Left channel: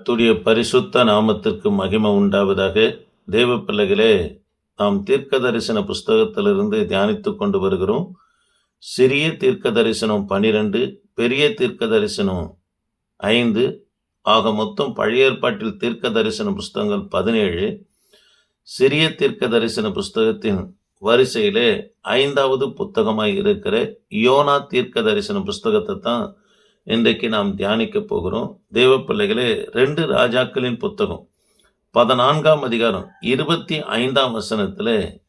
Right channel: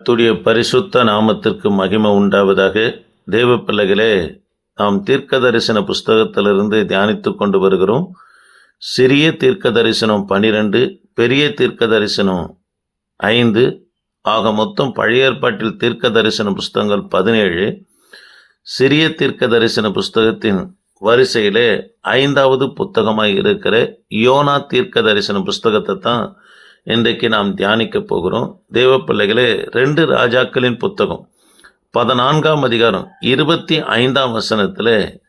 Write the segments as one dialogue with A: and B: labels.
A: கர்த்தருடைய பரிசுத்த நாமத்திற்கு மகிமை உண்டாவதாக தேவ பிள்ளைகளே நாம் தீர்க்க தரிசன புஸ்தகத்திலிருந்து தியானித்து கொண்டு வருகிறோம். சிறிய தீர்க்க தரிசனம் பனிரெண்டு பெரிய தீர்க்க தரிசனம் ஐந்து ஆக மொத்தம் பழைய ஏற்பாட்டில் தீர்க்க தரிசன புஸ்தகங்கள் பதினேழு. சிறிய தீர்க்க தரிசன புஸ்தகத்தின் வரிசையிலே ஐந்தாவது புத்தகமாக இருக்கிற யோனா தீர்க்க தரிசன புஸ்தகத்தை தான் இன்றைக்கு நாம் தியானிக்க போகிறோம். தேவ பிள்ளைகளே ரெண்டு ராஜாக்களின் புத்தகம் பதினான்காம் அதிகாரம் இருபத்தி ஐந்தாம் வசனத்தில்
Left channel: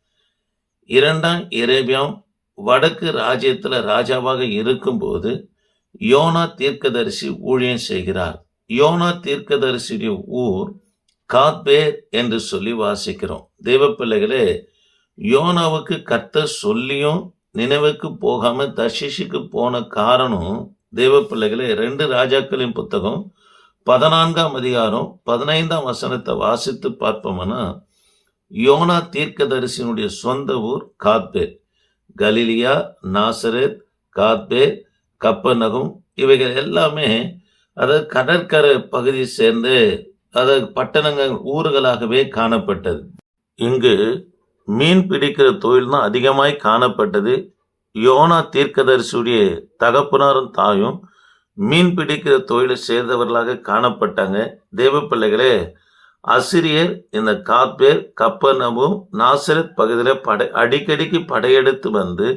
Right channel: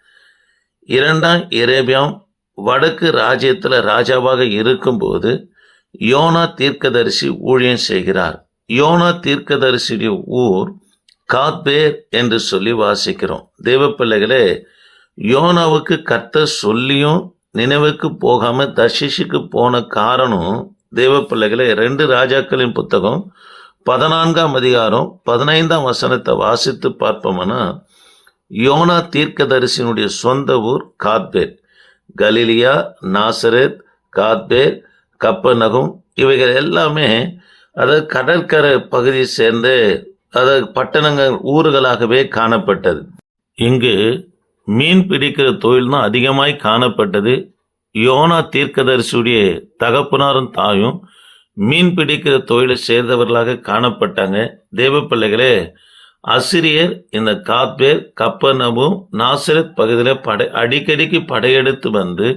A: இரண்டாம் இரேபியாம் வடக்கு ராஜ்யத்தில் ராஜாவாக இருக்கும்போது யோனா தீர்க்கதரிசி ஊழியம் செய்கிறார். யோனா தீர்க்கதரிசியுடைய ஊர் காத்பேர் என்று சொல்லி வாசிக்கிறோம். தேவ பிள்ளைகளே யோனாவுக்கு கத்த சொல்லியும் நினைவுக்கு போகாமல் தர்ஷிஷுக்கு போன காரணம் தேவ ரெண்டு ராஜாக்களின் புத்தகம் பதினான்காம் அதிகாரம் பதினைந்தாம் வசனத்தை வாசித்து பார்ப்போம்னா யோனா தீர்க்கதரிசியினுடைய சொந்த ஊர் காத்பே கலிலியா நாசரேத் காத்பே கப்பநகம் இவைகள் எல்லாமே அதாவது கடற்கரை பகுதியை சேர்ந்து அதாவது பட்டணங்கள் ஊர்களாகவே காணப்பட்டது. இங்கு மீன் பிடிக்கிற தொழில் தான் அதிகமாய் காணப்பட்டது. யோனா தீர்க்கதரிசியுடைய தகப்பனாரும் தாயும் மீன் பிடிக்கிற தொழிலை சேர்ந்தவர்களாக காணப்பட்டாங்க. தேவ பிள்ளைகளே அசிரியர் இந்த காப்பேர் கப்பனமும் நாசரத் பகுதியில் படை அடிக்கடிக்கு படையெடுத்து வந்து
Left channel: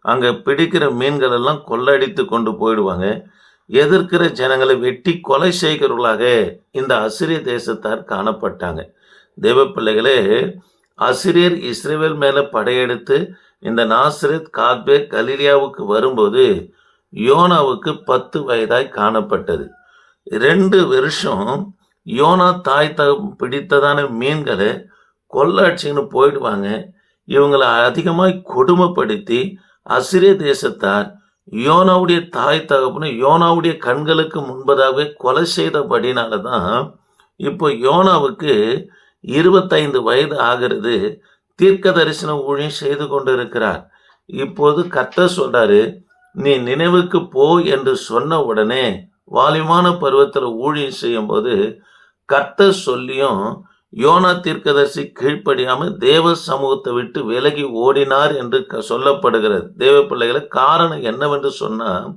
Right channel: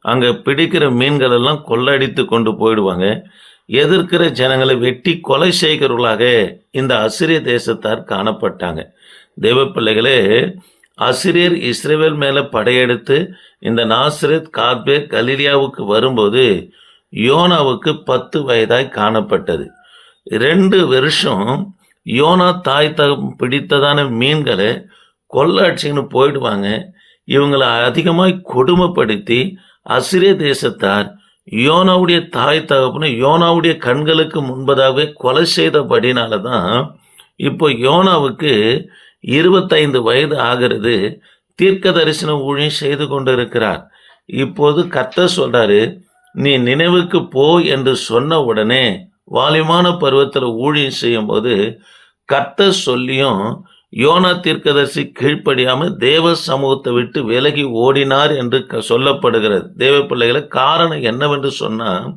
A: அங்கே பிடிக்கிற மீன்கள் எல்லாம் கொள்ளடித்து கொண்டு போயிடுவாங்க. எதிர்க்கிற ஜனங்களை வெட்டி கொலை செய்கிறவர்களாக இந்த அசிரிய தேசத்தார் காணப்பட்டாங்க. தேவ பிள்ளைகளே அசிரியர் இஸ்ரேவேல் மேலே படையெடுத்து இந்த நாசரத் காத்பே கலிலியாவுக்கு வரும்போது யோனாவுக்கு பத்து வயதாய் காணப்பட்டது. ரெண்டு வருஷம் யோனா தாய் த பிடித்ததான மீன்களை கொள்ளாட்சின்னு போயிடுவாங்க. இவங்களை அதிகமாக கொடுமைப்படுத்தி அசிரிய தேசத்தார் யோனாவுடைய தாய் தகப்பனை யோனாவுடைய கண்களுக்கு முன்பதாகவே கொலை செய்தபடினால தான் இப்போ யோனாவுக்கு இருபத்தைந்து வயது ஆகிறது. தீர்க்க தரிசன ஊழியம் செய்து கொண்டிருக்கிறார். இப்போது கர்த்தர் சொல்றாரு நீ நினைவுக்கு போ என்று சொன்ன உடனே வாலிமான பருவத்தில் ஊழியம் செய்யும்போது கர்த்தர் சொல்லியும் யோனா தீர்க்கதரிசி கீழ்ப்படியாமல் தேவ சமூகத்தை விட்டு விலகி ஓடினார் என்று க- சொல்லப்படுகிறது. தேவ பிள்ளைகளை காரணம் என்னவென்று சொன்னால்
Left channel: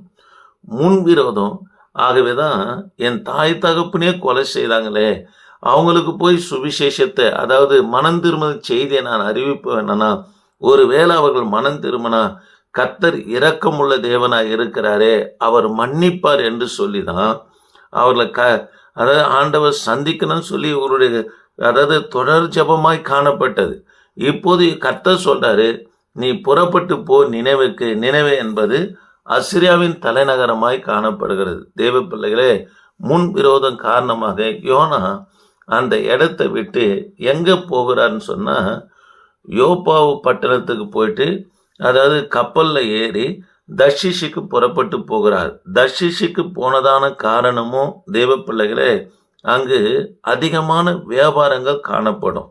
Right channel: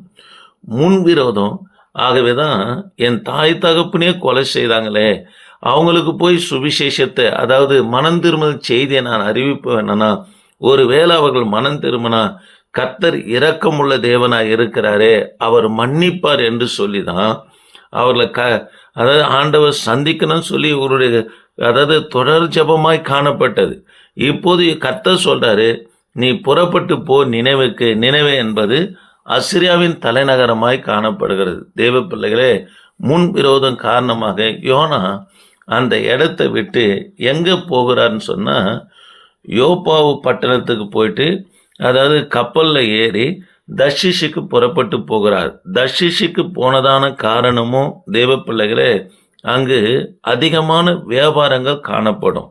A: முன்விரோதம் ஆகவே தான் என் தாய் தகப்பனே கொலை செய்தாங்களே. அவங்களுக்கு போய் சுவிசேஷத்தை அதாவது மனம் திரும்பும் செய்தியை நான் அறிவிப்பேனா ஒருவேளை அவர்கள் மனம் திரும்பினா கத்தர் இரக்கமுள்ள தேவனாக இருக்கிறாரே அவர் மன்னிப்பார் என்று சொல்லி தான் அவர்களை க அதாவது ஆண்டவர் சந்திக்கணும்னு சொல்லி இவருடைய அதாவது தொடர் ஜெபமாய் காணப்பட்டது. இப்போது கர்த்தர் சொல்றாரு நீ புறப்பட்டு போ நினைவுக்கு நினைவு என்பது அசிரியாவின் தலைநகரமாய் காணப்படுகிறது. தேவ பிள்ளைகளே முன் விரோதம் காரணமாக யோனா அந்த இடத்த விட்டு எங்கே போகிறார்னு சொன்னால் யோப்பாவு பட்டணத்துக்கு போயிட்டு அதாவது கப்பலில் ஏறி தஷிஷுக்கு புறப்பட்டு போகிறார். தஷிஷுக்கு போனதான காரணமும் தேவ பிள்ளைகளே அங்கு அதிகமான வியாபாரங்கள் காணப்படும்.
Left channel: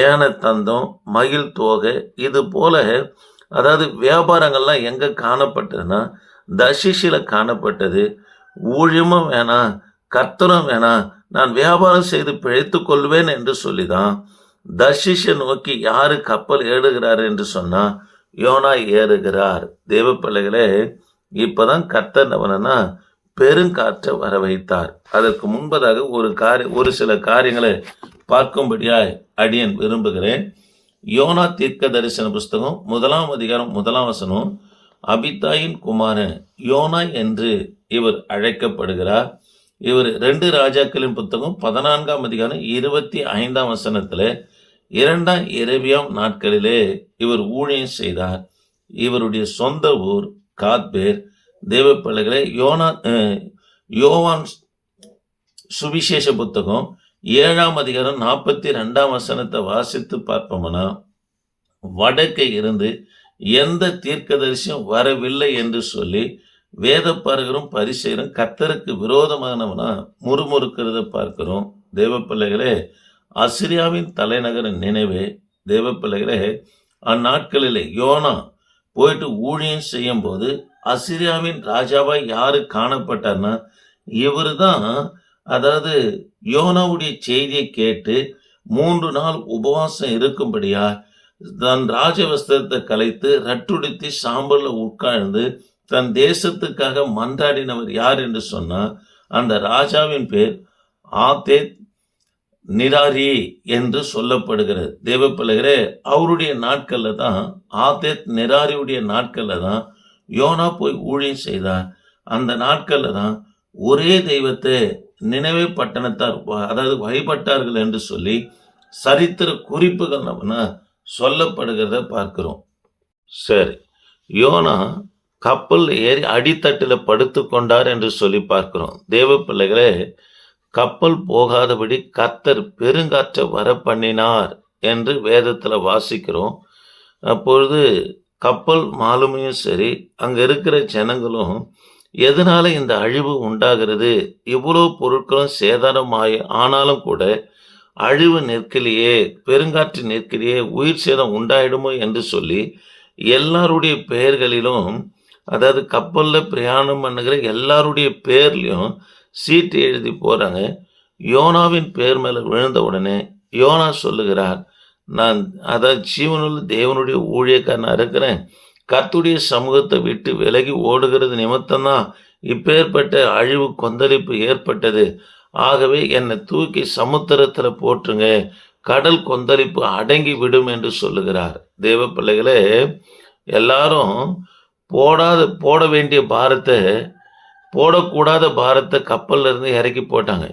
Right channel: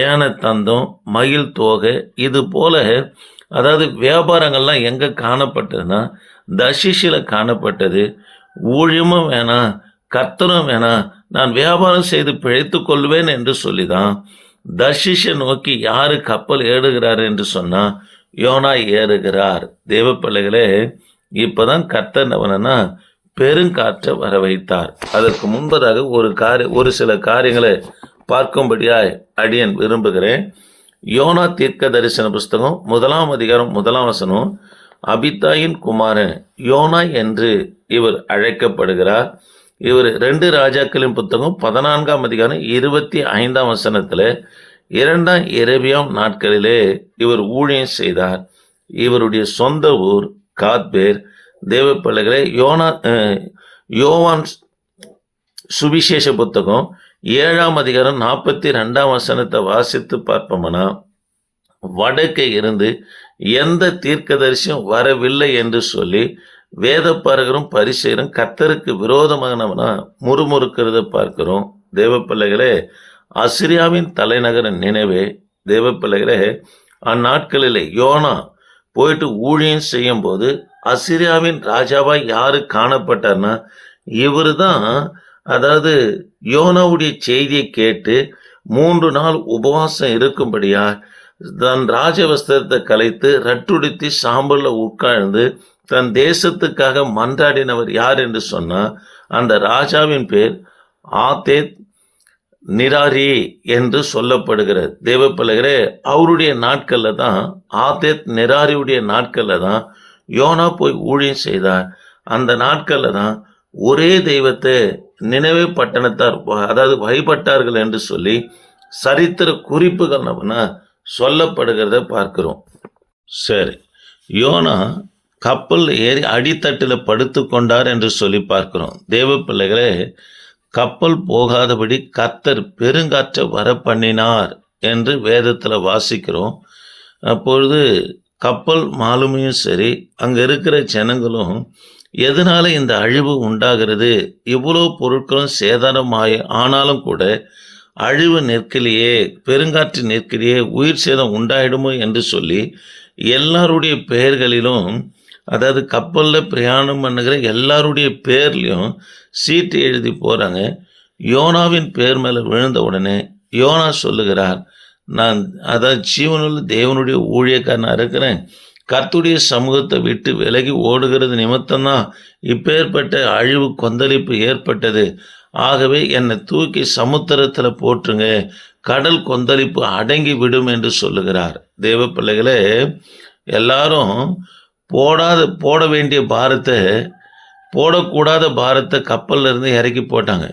A: ஏன தந்தம் மயில் தோகை இது போல அதாவது வியாபாரங்கள்லாம் எங்கே காணப்பட்டதுன்னா தஷிஷில் காணப்பட்டது. ஊழியமும் வேணாம் கர்த்தரும் வேணாம் நான் வியாபாரம் செய்து பிழைத்து கொள்வேன் என்று சொல்லிதான் தர்ஷிஷை நோக்கி யாரு கப்பல் ஏறுகிறார் என்று சொன்னா யோனா ஏறுகிறார். தேவ பிள்ளைகளே இப்பதான் கர்த்தர் அவனா பெருங்காற்றை வர வைத்தார் அதற்கு முன்பதாக ஒரு காரிய ஒரு சில காரியங்களை பார்க்கும்படியாய் அடியன் விரும்புகிறேன். யோனா தீர்க்க தரிசன புஸ்தகம் முதலாம் அதிகாரம் முதலாம் வசனம் அபிதாயின் குமாரன் யோனா என்று இவர் அழைக்கப்படுகிறார். இவர் ரெண்டு ராஜாக்களின் புத்தகம் பதினான்காம் அதிகாரம் இருபத்தி ஐந்தாம் வசனத்தில் இரண்டாம் இரவியாம் நாட்களிலே இவர் ஊழியம் செய்தார். இவருடைய சொந்த ஊர் காத்பேர். தேவப்பள்ளிகளை யோனா அஹ், யோவான் சுவிசேஷ புத்தகம் ஏழாம் அதிகாரம் நாற்பத்தி ரெண்டாம் வசனத்தை வாசித்து பார்ப்போம்னா வடக்கே இருந்து எந்த தீர்க்கதரிசியும் வரவில்லை என்று சொல்லி வேதப்பாரகரும் பரிசெயரும் கத்தருக்கு விரோதமானவனா முறுமுறுக்கிறத பார்க்கிறோம். தேவ பிள்ளைகளே அசிரியாவின் தலைநகர நினைவே தேவ பிள்ளைகளே அந்நாட்களிலே யோனா போயிட்டு ஊழியம் செய்யும் போது அசிரியாவின் ராஜாவாக யாரு காணப்பட்டார்னா இவர் தான் அதாவது யோனாவுடைய செய்தியை கேட்டு மூன்று நாள் உபவாசம் இருக்கும்படியா தன் ராஜவஸ்திரத்தை கலைத்து ரட்டுடுத்தி சாம்பலில் உட்கார்ந்து தன் தேசத்துக்காக மன்றாடினவர் யார் என்று சொன்னால் அந்த ராஜாவின் பேர் ஆதேத் நிராரி என்று சொல்லப்படுகிறது. தேவப்பலகரே அவருடைய நாட்களில் தான் ஆதேத் நிராரியுடைய நாட்களில் தான் யோனா போய் ஊழியம் செய்தார். அந்த நாட்களில் தான் ஒரே தெய்வத்தை நினைவே பட்டணத்தார் அதாவது வழிபட்டார்கள் என்று சொல்லி சரித்திர குறிப்புகள் நம்ம சொல்லப்படுகிறத பார்க்கிறோம். சரி யோனா கப்பல் ஏறி அடித்தட்டில் படுத்து கொண்டார் என்று சொல்லி பார்க்கிறோம். தேவ பிள்ளைகளே கப்பல் போகாதபடி கத்தர் பெருங்காற்றை வர பண்ணினார் என்று வேதத்தில் வாசிக்கிறோம். அப்பொழுது கப்பல் மாலுமையும் சரி அங்கே இருக்கிற ஜனங்களும் எதனால இந்த அழிவு உண்டாகிறது? இவ்வளோ பொருட்களும் சேதாரமாய் ஆனாலும் கூட அழிவு நிற்கலையே பெருங்காற்று நிற்கலையே உயிர் சேதம் உண்டாயிடுமோ? என்று சொல்லி எல்லாருடைய பெயர்களிலும் அதாவது கப்பலில் பிரயாணம் பண்ணுகிற எல்லாருடைய பேர்லேயும் சீட்டு எழுதி போகிறாங்க யோனாவின் பேர் மேலே விழுந்த உடனே யோனா சொல்லுகிறார் நான் அதாவது ஜீவனுள்ள தேவனுடைய ஊழியக்காரனாக இருக்கிறேன். கர்த்துடைய சமூகத்தை விட்டு விலகி ஓடுகிறது நிமித்தம்தான் இப்பேற்பட்ட அழிவு கொந்தளிப்பு ஏற்பட்டது. ஆகவே என்னை தூக்கி சமுத்திரத்தில் போட்டுருங்க கடல் கொந்தளிப்பு அடங்கி விடும் என்று சொல்லுகிறார். தேவ பிள்ளைகளே எல்லாரும் போடாத போட வேண்டிய பாரத்தை போடக்கூடாத பாரத்தை கப்பலில் இருந்து இறக்கி போட்டாங்க.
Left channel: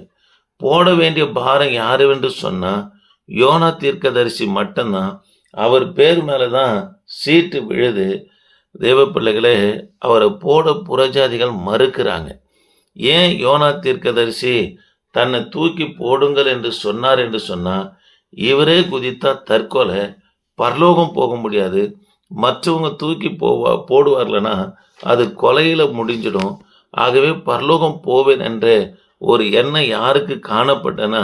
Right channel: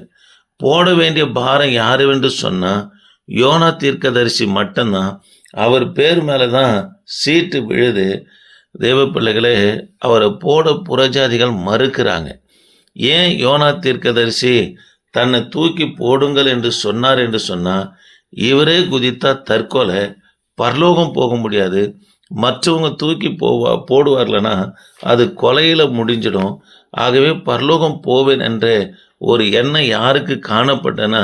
A: போட வேண்டிய பாரம் யாரு என்று சொன்னால் யோனா தீர்க்கதரிசி மட்டும்தான். அவர் பேர் மேலே தான் சீட்டு விழுது. தேவ பிள்ளைகளே அவரை போட புறஜாதிகள் மறுக்கிறாங்க. ஏன் யோனா தீர்க்கதரிசி தன்னை தூக்கி போடுங்கள் என்று சொன்னார் என்று சொன்னால் இவரே குதித்தா தற்கொலை பரலோகம் போக முடியாது. மற்றவங்க தூக்கி போவா போடுவார்லனா அது கொலையில் முடிஞ்சிடும். ஆகவே பரலோகம் போவேன் என்ற ஒரு எண்ணம் யாருக்கு காணப்பட்டனா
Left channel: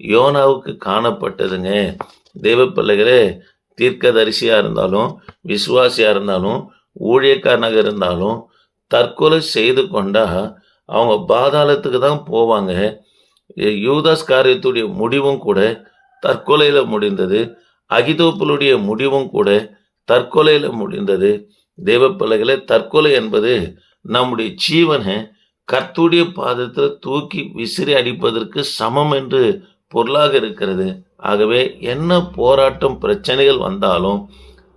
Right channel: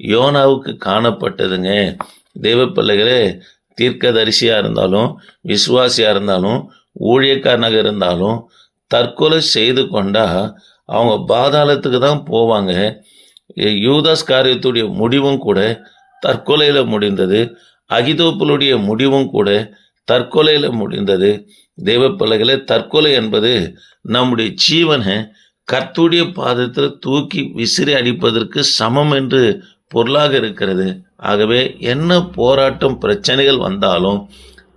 A: யோனாவுக்கு காணப்பட்டதுங்க. தேவ பிள்ளைகளே தீர்க்கதரிசியாக இருந்தாலும் விசுவாசியாக இருந்தாலும் ஊழியக்காரனாக இருந்தாலும் தற்கொலை செய்து கொண்டா அவங்க பாதாளத்துக்கு தான் போவாங்க. யூதாஸ் காரியத்துடைய முடிவும் கூட தற்கொலையில் முடிந்தது. அகிதோப்பலுடைய முடிவும் கூட தற்கொலையில் முடிந்தது. தேவ பிள்ளைகளை தற்கொலை என்பது நம்முடைய ஜீவனை கர்த்துடைய பாதத்தில் தூக்கி விசிறி அடிப்பதற்கு சமம் என்று பொருளாக இருக்கிறது. ஆகவே என்ன போராட்டம் பிரச்சனைகள் வந்தாலும்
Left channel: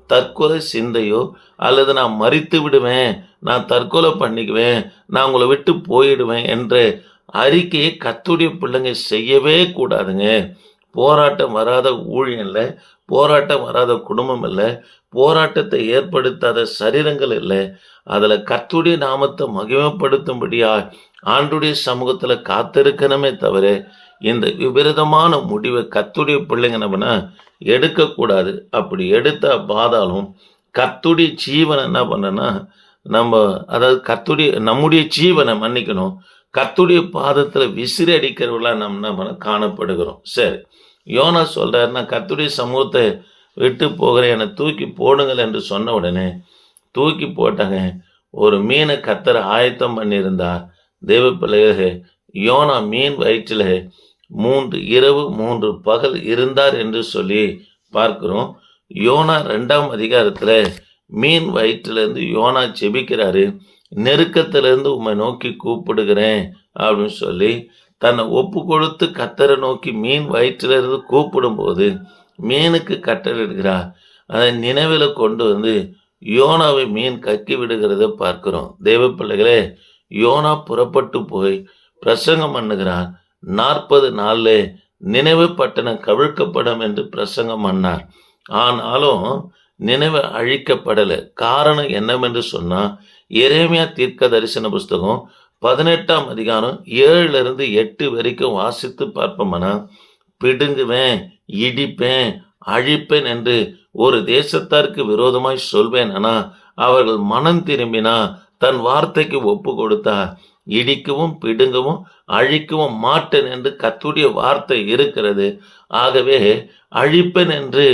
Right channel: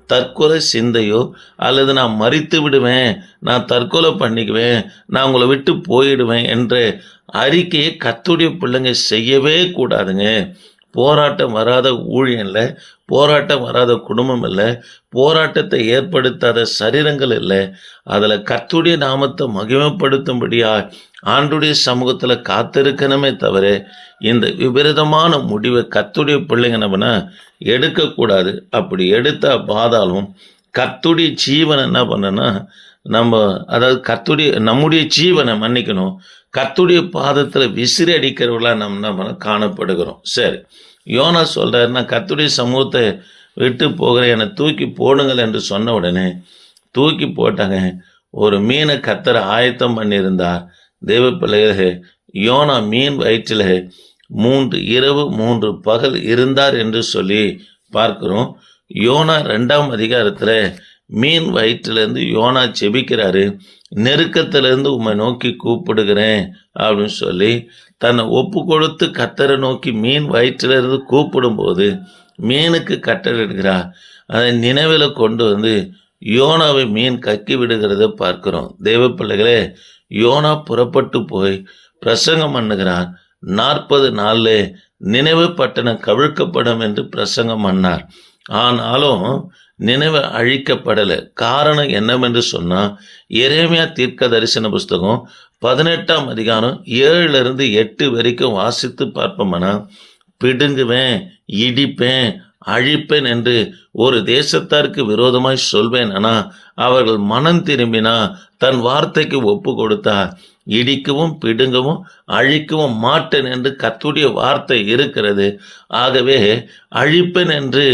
A: தற்கொலை சிந்தையோ அல்லது நான் மறித்து விடுவேன் நான் தற்கொலை பண்ணிக்குவேன் நான் உங்களை விட்டு போயிடுவேன் என்ற அறிக்கையை கத்துடைய பிள்ளைங்க செய்யவே கூடாதுங்க. போராட்டம் வராத ஊழியம் இல்லை போராட்டம் வராத குடும்பம் இல்லை போராட்டத்தை ஏற்படுத்தாத சரீரங்கள் இல்லை. அதில் கர்த்துடைய நாமத்தை மகிமைப்படுத்தும்படியா ஆண்டுடைய சமூகத்தில் காத்திருக்கணுமே தவிர இந்த விபரீதமான முடிவை கத்துடைய பிள்ளைங்க நம்ம எடுக்கக்கூடாது. அப்படி எடுத்தால் பாதாலும் கத்துடைய ஜீவனை என்ன பண்ணனா நம்ம அதாவது கத்துடைய நம்முடைய ஜீவனை மன்னிக்கணும். கத்துடைய பாதத்தில் விசிறி அடிக்கிறவர்களாக நம்ம நம்ம காணப்படுகிறோம். சரி. யோனா சொல்கிறாருன்னா கத்துடைய சமூகத்தை விட்டு போகிற என்னை தூக்கி போடுங்கள் என்று சொன்ன உடனே தூக்கி போட்டாங்க ஒரு மீனை கத்தரை ஆயத்தம் பண்ணியிருந்தார். தேவ பிள்ளைகளே யோனா மீன் வயிற்றில் மூன்று இரவு மூன்று பகல் இருந்தார் என்று சொல்லி பார்க்கிறோம். யோனா ரெண்டாம் அதிகாரத்தில் மீன் வயிற்றிலேருந்து யோனா செபிக்கிறாரு. நெருக்கத்திலேருந்து உம்மை நோக்கி கூப்பிடுகிறேன் அப்படின்னு சொல்லி தன்னை ஒப்பு கொடுத்து கத்தரை நோக்கி மீன் வயிற்றிலிருந்து கூப்பிடும்போது மீனுக்கு கட்டளிடுகிறார் அதை நினைவில் கொண்டு வந்து யோனாவை மீன் கக்கி விடுகிறத பார்க்கிறோம். தேவ பிள்ளைகளே யோனா புறப்பட்டு போய் பிரசங்கம் பண்ணுகிறார். நாற்பது நாளில் நினைவு பட்டணம் கவிழ்க்கப்படும் என்று பிரசங்கம் பண்ணார். ஆனாலும் நினைவு அழிக்கப்படலை. காரணம் என்னவென்று சொன்னால் எரேமியா தீர்க்க தரிசன புஸ்தகம் பதினெட்டாம் அதிகாரம் ஏழுலேருந்து எட்டு வரைக்கும் வாசித்து பார்ப்போம்னா பிடுங்குவேன் இடிப்பேன் அழிப்பேன் என்று ஒரு தேசத்தாருக்கு விரோதமாய் சொல்வேன். ஆனால் அவர்கள் மனம் திரும்பினா தன் வார்த்தைக்கு ஒப்பு கொடுத்தா இடிக்கவும் பிடுங்கவும் அழிக்கவும் மாட்டேன் என்று கத்துடைய வார்த்தை இருக்கிறது. ஆகவே அழிப்பேன் என்று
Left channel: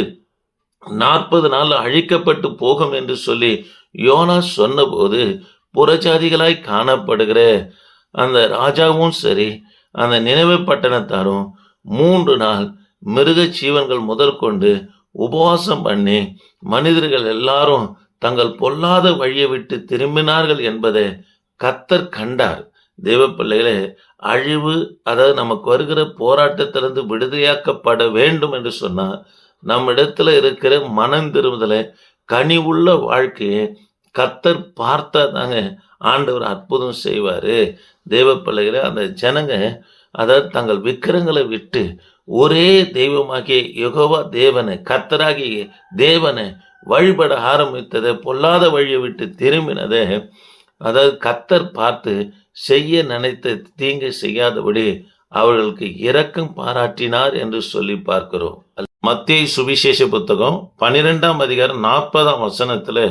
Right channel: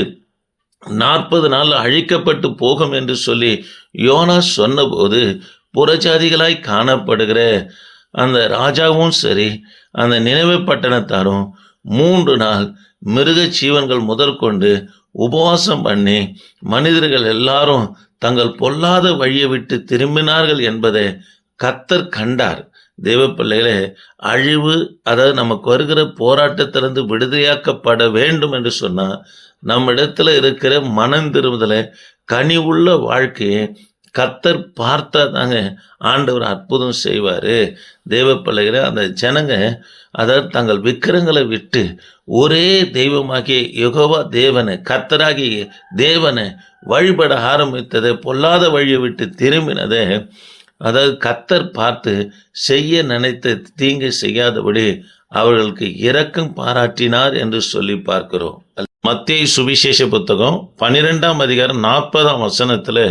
A: நாற்பது நாள் அழிக்கப்பட்டு போகும் என்று சொல்லி யோனா சொன்னபோது புறஜாதிகளாய் காணப்படுகிற அந்த ராஜாவும் சரி அந்த நினைவு பட்டணத்தாரும் மூன்று நாள் மிருக ஜீவன்கள் முதற்கொண்டு உபவாசம் பண்ணி மனிதர்கள் எல்லாரும் தங்கள் பொல்லாத வழியை விட்டு திரும்பினார்கள் என்பதை கத்தர் கண்டார். தேவ பிள்ளைகளே அழிவு அதாவது நமக்கு வருகிற போராட்டத்திலிருந்து விடுதலையாக்கப்பட வேண்டும் என்று சொன்னால் நம்மிடத்துல இருக்கிற மனம் திரும்புதலை கனிவுள்ள வாழ்க்கையை கத்தர் பார்த்தா தாங்க ஆண்டவர் அற்புதம் செய்வார். தேவ பிள்ளைகளை அந்த ஜனங்க அதாவது தங்கள் விக்கிரங்களை விட்டு ஒரே தெய்வமாகிய யெகோவா தேவனை கத்தராகிய தேவனை வழிபட ஆரம்பித்ததை பொல்லாத வழியை விட்டு திரும்பினதை. அதாவது கத்தர் பார்த்து செய்ய நினைத்த தீங்கு செய்யாதபடி அவர்களுக்கு இரக்கம் பாராட்டினார் என்று சொல்லி பார்க்கிறோம். மத்திய சுவிசேஷ புத்தகம் பன்னிரெண்டாம் அதிகாரம் நாற்பதாம் வசனத்தில்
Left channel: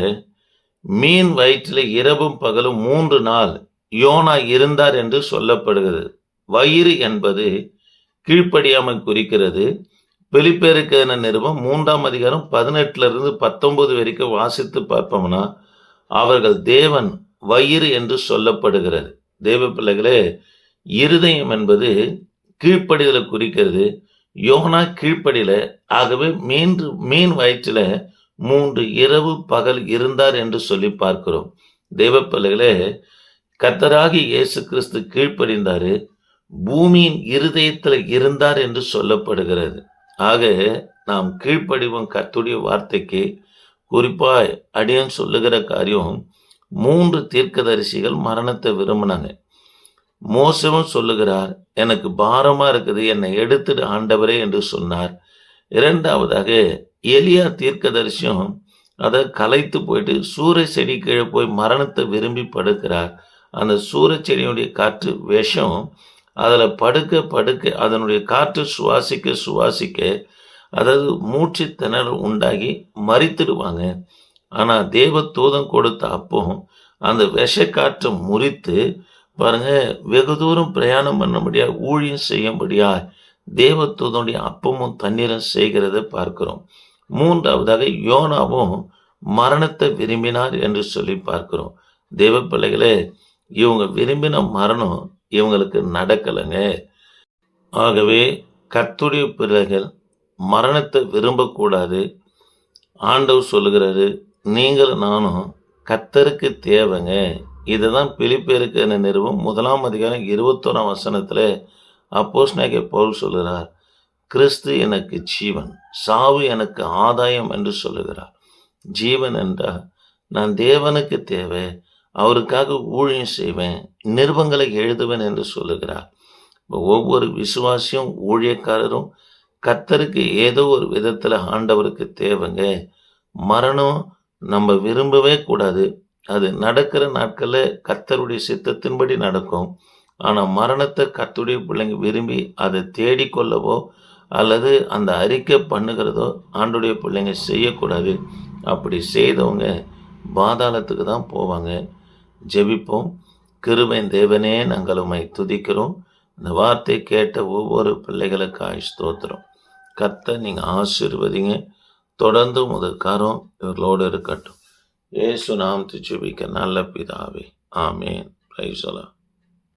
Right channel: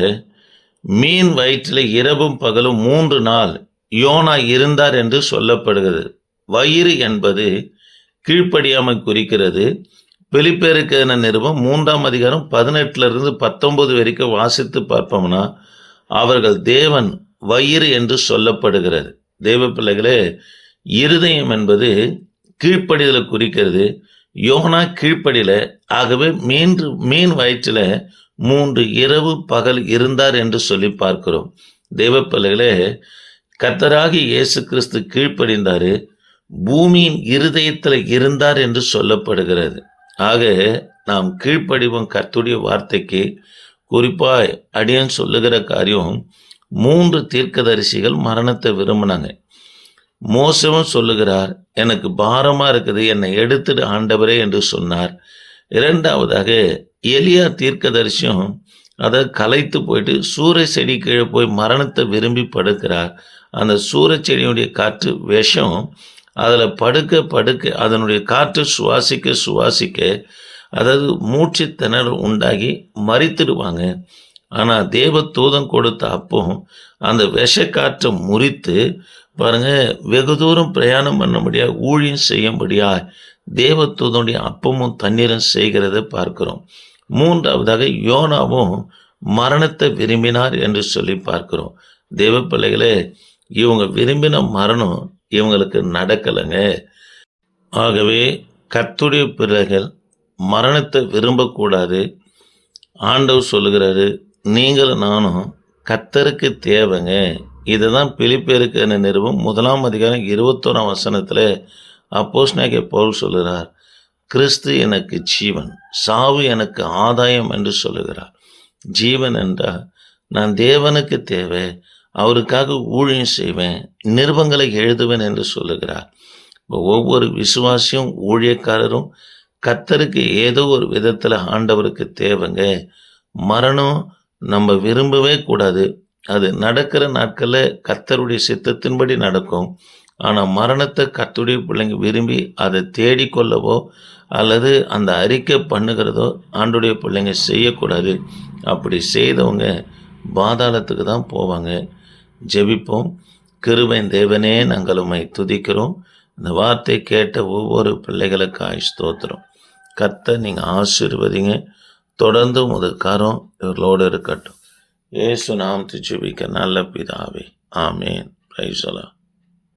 A: மீன் வயிற்றில் இரவும் பகலும் மூன்று நாள் யோனா இருந்தார் என்று சொல்லப்படுகிறது. வயிறு என்பது கீழ்ப்படியாமை குறிக்கிறது. வெளிப்பேருக்கான நிறுவம் மூன்றாம் அதிகாரம் பதினெட்டுல இருந்து பத்தொன்பது வரைக்கும் வாசித்து பார்ப்போம்னா அவர்கள் தேவன் வயிறு என்று சொல்லப்படுகிறது. தெய்வ பிள்ளைகளே இருதயம் என்பது கீழ்ப்படிதலை குறிக்கிறது. யோனா கீழ்ப்படியில ஆகவே மீன் மீன் வயிற்றில் மூன்று இரவு பகல் இருந்தார் என்று சொல்லி பார்க்கிறோம். தெய்வ பிள்ளைகளே கத்தராகி இயேசு கிறிஸ்து கீழ்ப்படிந்தாரு பூமியின் இருதயத்தில் இருந்தார் என்று சொல்லப்படுகிறது. ஆக நாம் கீழ்ப்படிவோம் கர்த்துடைய வார்த்தைக்கு. குறிப்பாய் அடியன் சொல்லுகிற காரியம் மூன்று தீர்க்கதரிசிகள் மரணத்தை விரும்பினாங்க. மோசமும் சொல்லுகிறார் எனக்கு பாரமாக இருக்குது என்னை எடுத்துட்டு ஆண்டவரே என்று சொன்னார். இரண்டாவதாக எலியா தீர்க்கதரிசியும் அதை கலைத்து போயிட்டு சூரிய செடி கீழே போய் மரணத்தை விரும்பி படுக்கிறார். அந்த சூரிய செடியுடைய காற்று விஷம் அதில் படுக்க படுக்க அதனுடைய காற்று சுவாசிக்க சுவாசிக்க அதாவது மூச்சு திணறு உண்டாகி மறித்துடுவாங்க ஆனால் தேவ தூதம் கொடுத்த அப்போ அந்த விஷக்காற்றை முறித்து பாருங்க வெகு தூரம் பிரயாணம் பண்ண முடியாது ஊழியம் செய்ய முடியாது தேவ தூதனுடைய அப்பமும் தண்ணீரும் செய்கிறத பார்க்கிறோம். மூன்றாவதாக யோனாவும் மரணத்தை விரும்பினார் என்று சொல்லி பார்க்கிறோம். தேவ பிள்ளைகளே இவங்க விரும்பின மரணம் இவங்களுக்கு நடக்கலைங்க. ஆகவே கத்துடைய பிள்ளைகள் மரணத்தை விரும்பக்கூடாது. ஆண்டவர் சொல்லுகிறாரு நீங்களும் நானும் கத்தருக்கு தேவைங்க. இதுதான் பிலிப்பேருக்கு என நிறுவம் முதலாம் அதிகாரம் இருபத்தோராம் வசனத்தில் அப்போஸ்னாகிய பவுல் சொல்கிறார் கிறிஸ்து எனக்கு ஜீவன் சாவு எனக்கு ஆதாயம் என்று சொல்லுகிறார். ஜீவன் என்றால் நான் தேவனுக்கு தேவை அவருக்காக ஊழியம் செய்வேன் நிருபங்களை எழுதுவேன் என்று சொல்லுகிறார். ஒவ்வொரு விசுவாசியும் ஊழியக்காரரும் கத்தருக்கு ஏதோ ஒரு விதத்தில் ஆண்டவருக்கு தேவைங்க. மரணம் நம்ம விரும்பவே கூடாது. அது நடக்கிற நாட்களில் கத்தருடைய சித்தத்தின்படி நடக்கும். ஆனால் மரணத்தை கத்துடைய பிள்ளைங்க விரும்பி அதை தேடிக்கொள்ளவோ அல்லது அந்த அறிக்கை பண்ணுகிறதோ ஆண்டுடைய பிள்ளைங்க செய்யக்கூடாது. அப்படி செய்தவங்க பாதாளத்துக்கு தான் போவாங்க. ஜெபிப்போம். கிருபைன் தேவனே நாங்கள் உண்மை துதிக்கிறோம். இந்த வார்த்தை கேட்ட ஒவ்வொரு பிள்ளைகளுக்கு ஆயுஷ் தோத்துறோம் கத்தை நீங்கள் ஆசீர்வதிங்க. தொடர்ந்து முதல் கரம் இவர்களோடு இருக்கட்டும். ஏசு நாம் ஜெபிக்க நல்ல பிதாவே. ஆமேன். பிரைசலா